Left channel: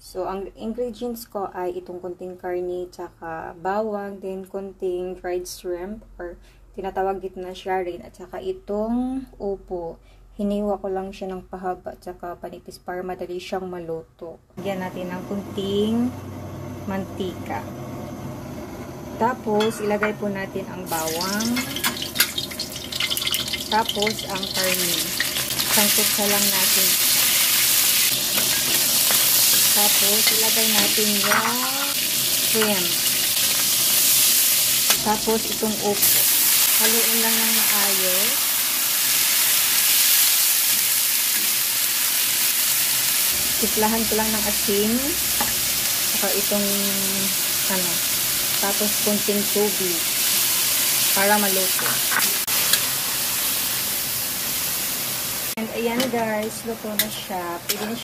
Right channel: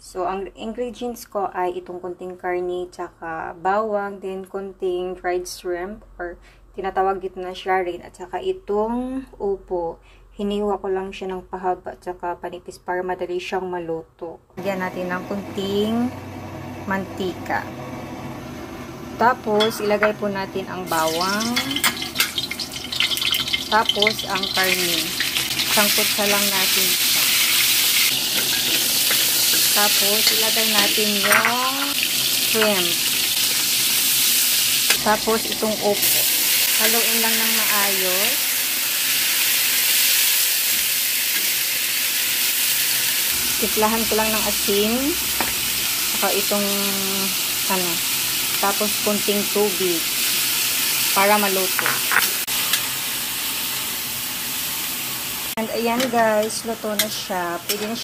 So, ang ingredients ko ay itong kunting karne, tsaka bawang, then kunting fried shrimp, or tinatawag dito na sharin, at tsaka itong upo. Hiniwa ko lang siya ng pahaba, tsaka panipis para madali siyang maluto. Lagyan natin ng kunting mantika. Tapos, ilagay po natin ang bawang. Tapos, ang karne. Sangkot lang natin siya. Tapos, ilagay natin yung shrimp. Tapos, itong upo. Haluin lang ng maayos. Tiplahan ko lang ng asin. Saka itong, tapos kunting tubig. Para maluto. And ayan guys, luto na siya. Pwede na